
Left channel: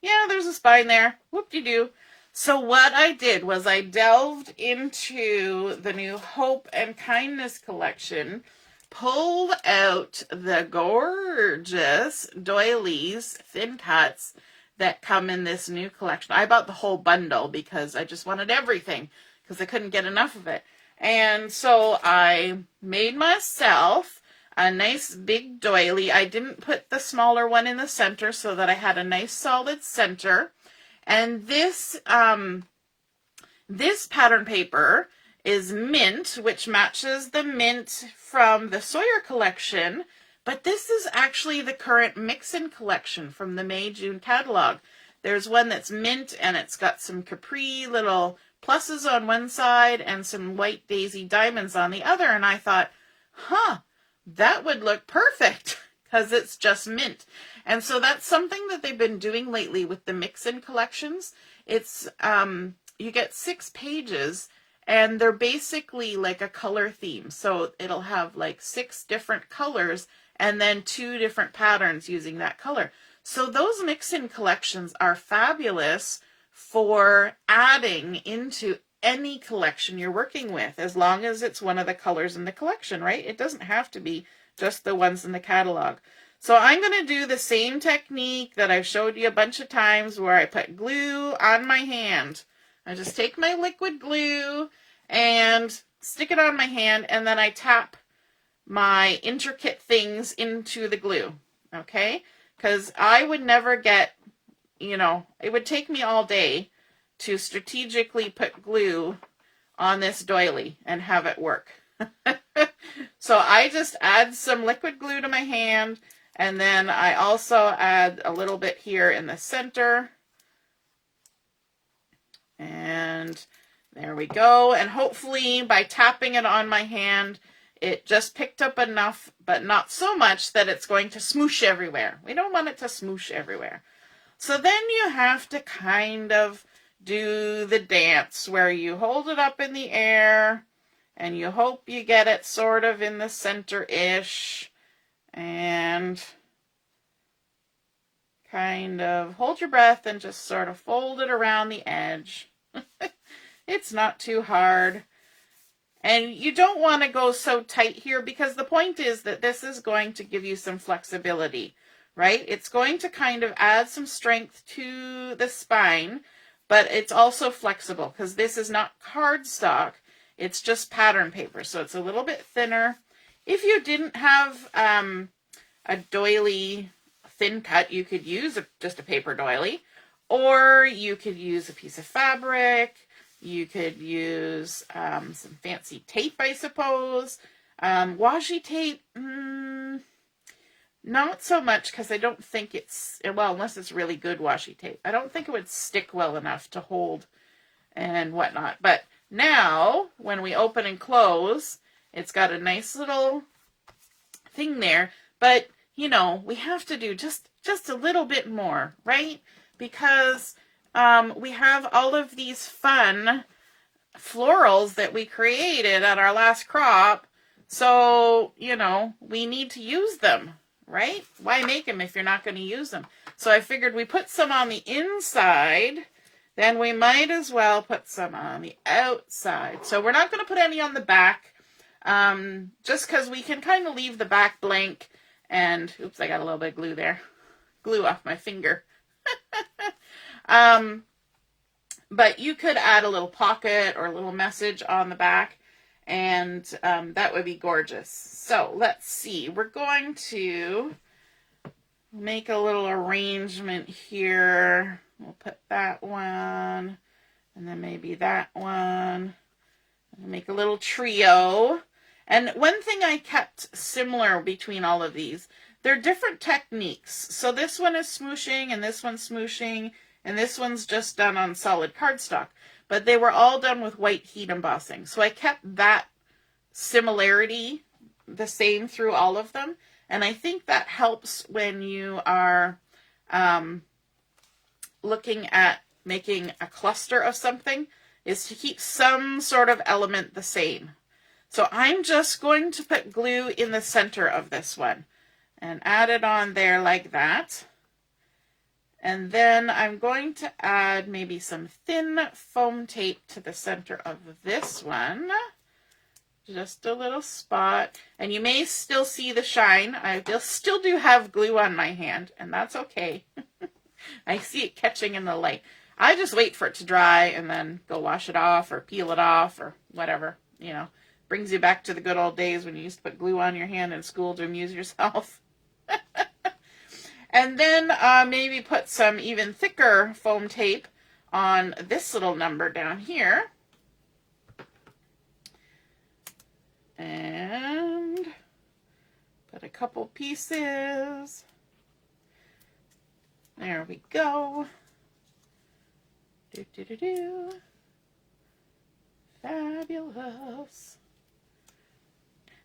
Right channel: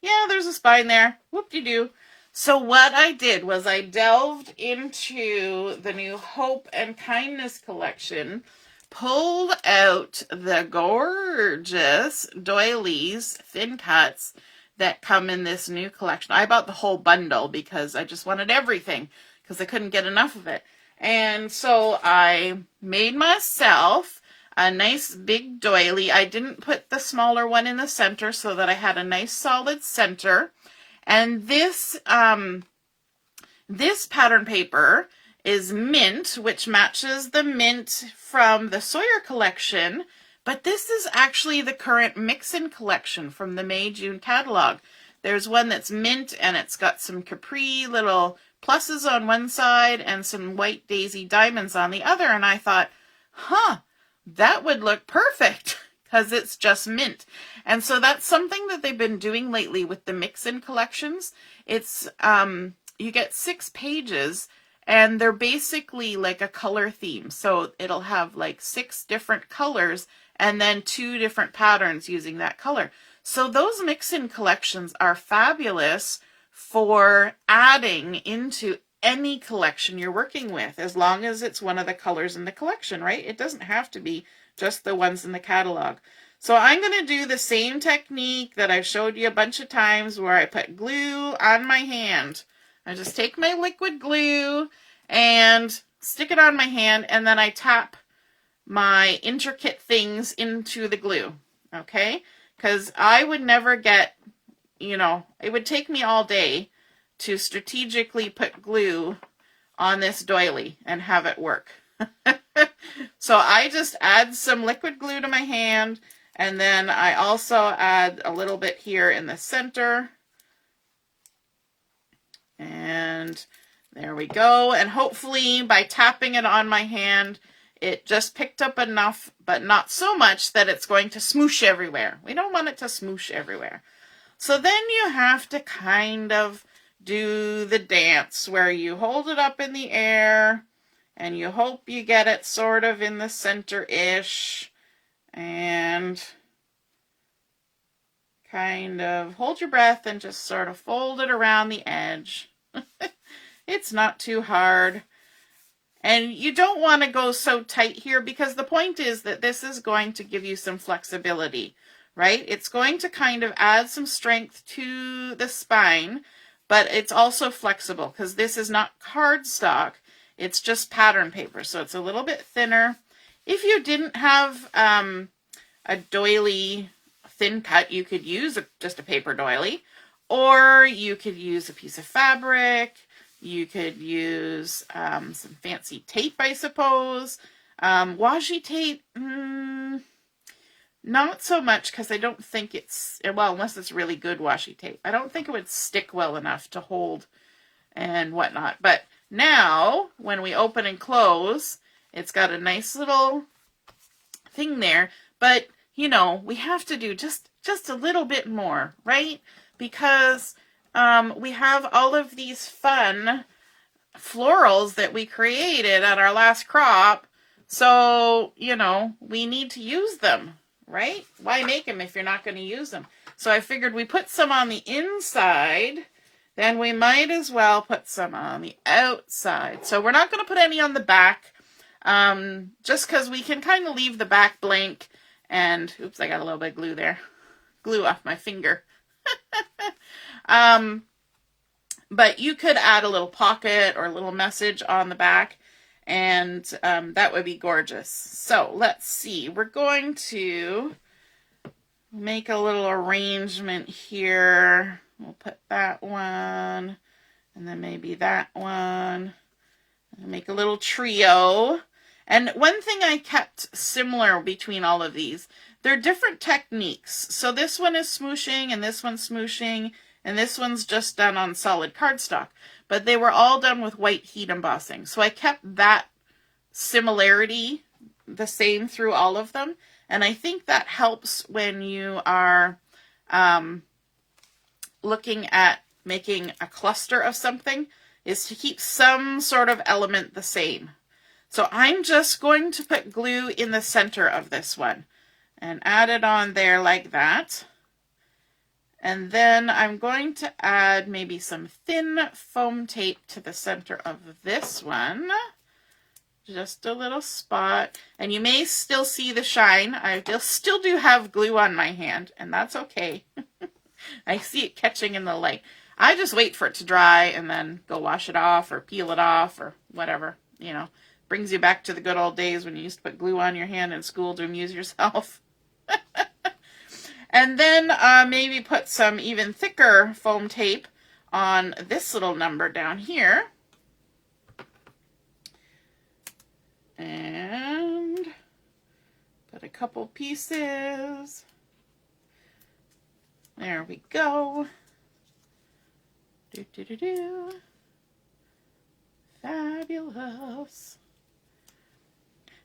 Yeah, there's a spine there. Whoop-de-doo. So what I did was I delved into the new Hope and Kindness collection, pulled out the gorgeous doilies, thin cuts that come in this new collection. I bought the whole bundle because I just wanted everything because I couldn't get enough of it. And so I made myself a nice big doily. I didn't put the smaller one in the center so that I had a nice solid center. And this pattern paper is mint, which matches the mint from the Sawyer collection, but this is actually the current mix-in collection from the May-June catalog. There's one that's mint, and it's got some capri little pluses on one side and some white daisy diamonds on the other, and I thought, that would look perfect because it's just mint. And so that's something that they've been doing lately with the mix-in collections. It's you get 6 pages, and they're basically like a color theme. So it'll have like 6 different colors and then 2 different patterns using that color. So those mix-in collections are fabulous for adding into any collection you're working with, as long as it's one of the colors in the collection, right? It doesn't have to be just the ones in the catalog. So I'm going to do the same technique that I've showed you a bunch of times where I put glue on my hand. I just take my liquid glue and stick it on my hand, and then I tap my intricate things into the glue, okay? Because I would never get, it would take me all day to strategically put glue on this doily and have it work. So I just add some liquid glue to my hand, and then I also add a little bit here in the center. And there we go. And hopefully by tapping it on my hand, it just picked up enough, but not so much that it's going to smoosh everywhere. We don't want it to smoosh everywhere. So then you have to kind of do the dance where you hold it up in the air and you hope you get it sort of in the center-ish, and kind of hold your breath and just sort of fold it around the edge. It's not too hard. And you don't want to go so tight here because the point is that this is going to give you some flexibility, right? It's going to kind of add some strength to the spine, but it's also flexible because this is not cardstock. It's just pattern paper, so it's a little bit thinner. If you didn't have a doily thin cut, you could use just a paper doily, or you could use a piece of fabric. You could use some fancy tape, I suppose. Washi tape, not so much, because I don't think it's, well, unless it's really good washi tape. I don't think it would stick well enough to hold and whatnot. But now, when we open and close, it's got a nice little thing there. But, we have to do just a little bit more, right? Because we have all of these fun florals that we created at our last crop. So, we need to use them, right? Why make them if you're not going to use them? So I figured we put some on the inside, then we might as well put some on the outside. So we're not going to put any on the back, just because we can kind of leave the back blank. And, oops, I got a little bit of glue there. Glue off my finger. But you could add a little pocket or a little message on the back, and that would be gorgeous. So let's see. We're going to make a little arrangement here. We'll put that one, and then maybe that one. Make a little trio. And one thing I kept similar between all of these, they're different techniques. So this one is smooshing, and this one's smooshing, and this one's just done on solid cardstock. But they were all done with white heat embossing. So I kept that similarity the same through all of them. And I think that helps when you are looking at making a cluster of something, is to keep some sort of element the same. So I'm just going to put glue in the center of this one and add it on there like that. And then I'm going to add maybe some thin foam tape to the center of this one. Just a little spot. And you may still see the shine. I still do have glue on my hand, and that's okay. I see it catching in the light. I just wait for it to dry and then go wash it off or peel it off or whatever, you know. Brings you back to the good old days when you used to put glue on your hand in school to amuse yourself. And then maybe put some even thicker foam tape on this little number down here. And put a couple pieces. There we go. Fabulous.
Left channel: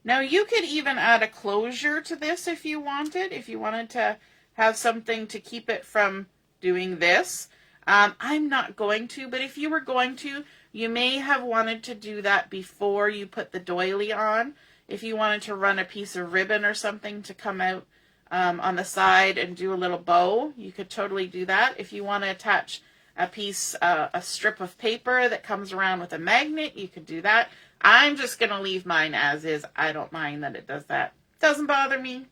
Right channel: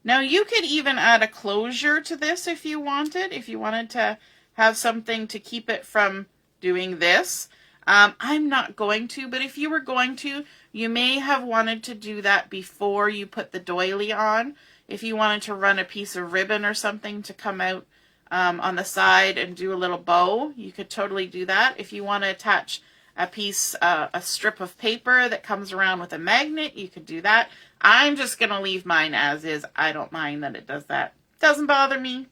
Now you could even add a closure to this if you wanted. If you wanted to have something to keep it from doing this. I'm not going to, but if you were going to, you may have wanted to do that before you put the doily on. If you wanted to run a piece of ribbon or something to come out on the side and do a little bow, you could totally do that. If you want to attach a piece, a strip of paper that comes around with a magnet, you could do that. I'm just going to leave mine as is. I don't mind that it does that. Doesn't bother me.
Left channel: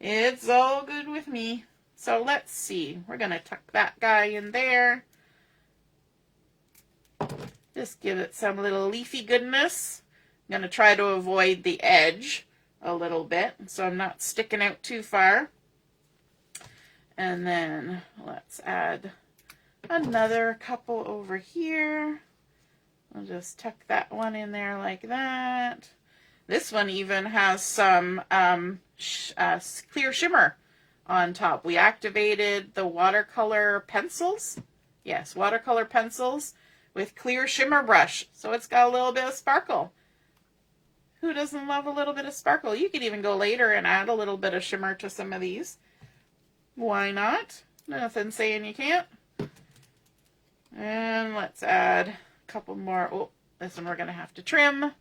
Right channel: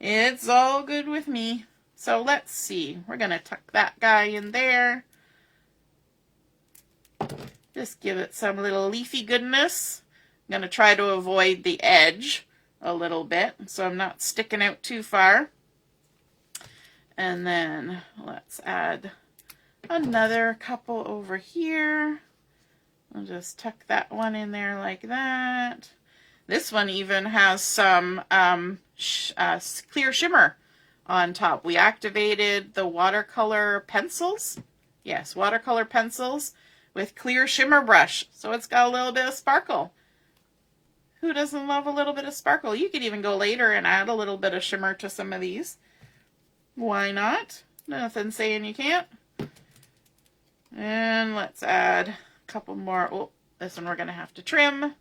It's all good with me. So let's see. We're going to tuck that guy in there. Just give it some little leafy goodness. I'm going to try to avoid the edge a little bit so I'm not sticking out too far. And then let's add another couple over here. I'll just tuck that one in there like that. This one even has some clear shimmer on top. We activated the watercolor pencils. Yes, watercolor pencils with clear shimmer brush. So it's got a little bit of sparkle. Who doesn't love a little bit of sparkle? You could even go later and add a little bit of shimmer to some of these. Why not? Nothing saying you can't. And let's add a couple more. Oh, this one we're going to have to trim.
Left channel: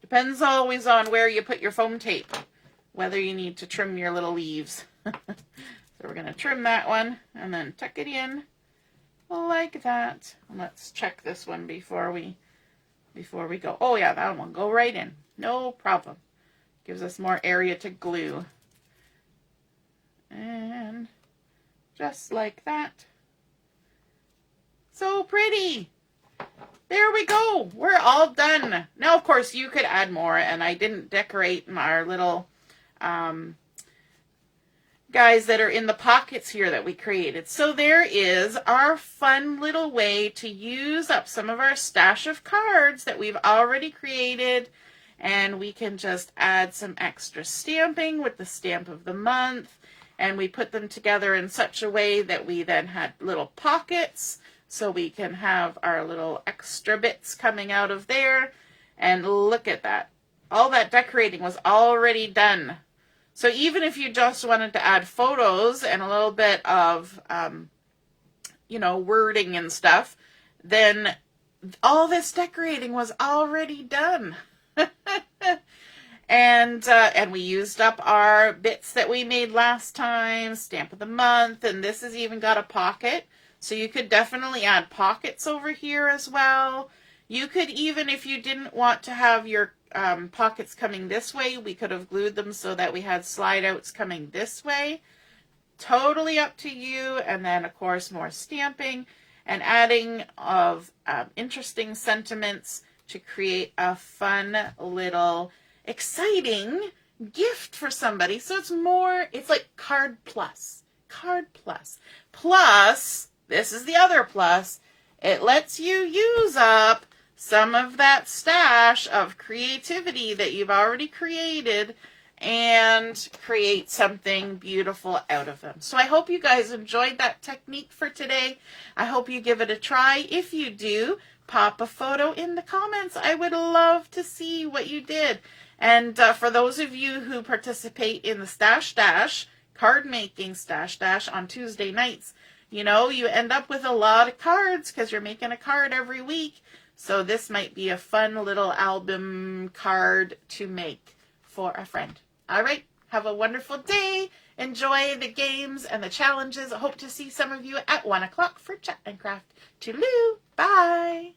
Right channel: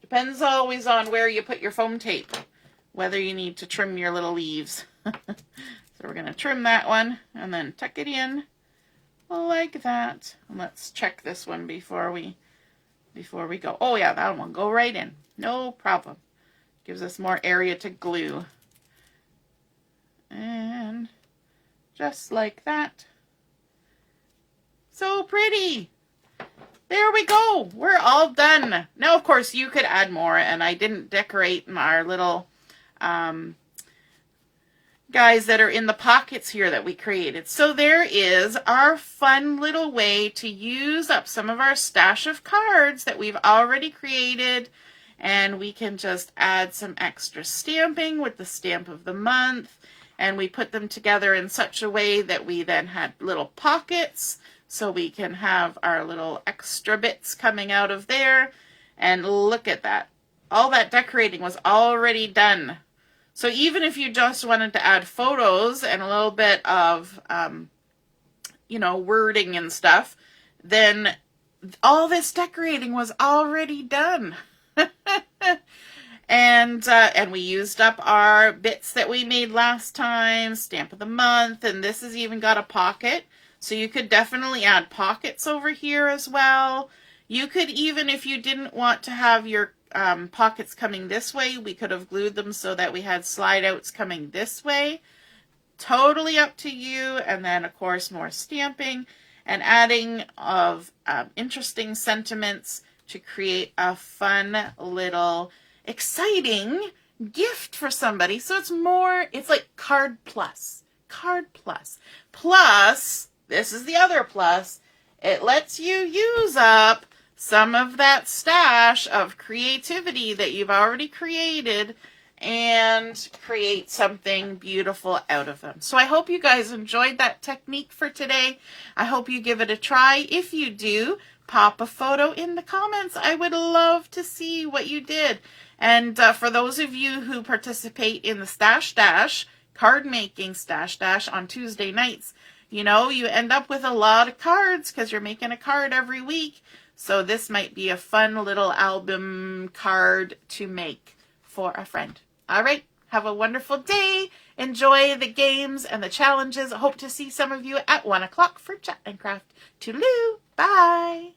Depends always on where you put your foam tape, whether you need to trim your little leaves. So we're going to trim that one and then tuck it in like that. And let's check this one before we go. Oh yeah, that one go right in. No problem. Gives us more area to glue. And just like that. So pretty. There we go. We're all done. Now, of course, you could add more, and I didn't decorate our little guys that are in the pockets here that we created. So there is our fun little way to use up some of our stash of cards that we've already created, and we can just add some extra stamping with the stamp of the month, and we put them together in such a way that we then had little pockets, so we can have our little extra bits coming out of there. And look at that. All that decorating was already done. So even if you just wanted to add photos and a little bit of, you know, wording and stuff, then all this decorating was already done. And we used up our bits that we made last time, stamp of the month, and this has even got a pocket. So you could definitely add pockets over here as well. You could even, if you didn't want to have your pockets coming this way, we could have glued them so that we had slide outs coming this way. Totally up to you. And then, of course, more stamping and adding of interesting sentiments to create a fun little exciting gift for somebody. So it's like card plus. Card plus. Plus, this is the other plus, it lets you use up some of that stash of creativity that you've already created and create something beautiful out of them. So I hope you guys enjoyed that technique for today. I hope you give it a try. If you do, pop a photo in the comments. I would love to see what you did. And for those of you who participate in the Stash Dash, card making Stash Dash on Tuesday nights, you end up with a lot of cards because you're making a card every week. So this might be a fun little album card to make for a friend. All right. Have a wonderful day. Enjoy the games and the challenges. I hope to see some of you at 1 o'clock for Chat and Craft. Toodaloo. Bye.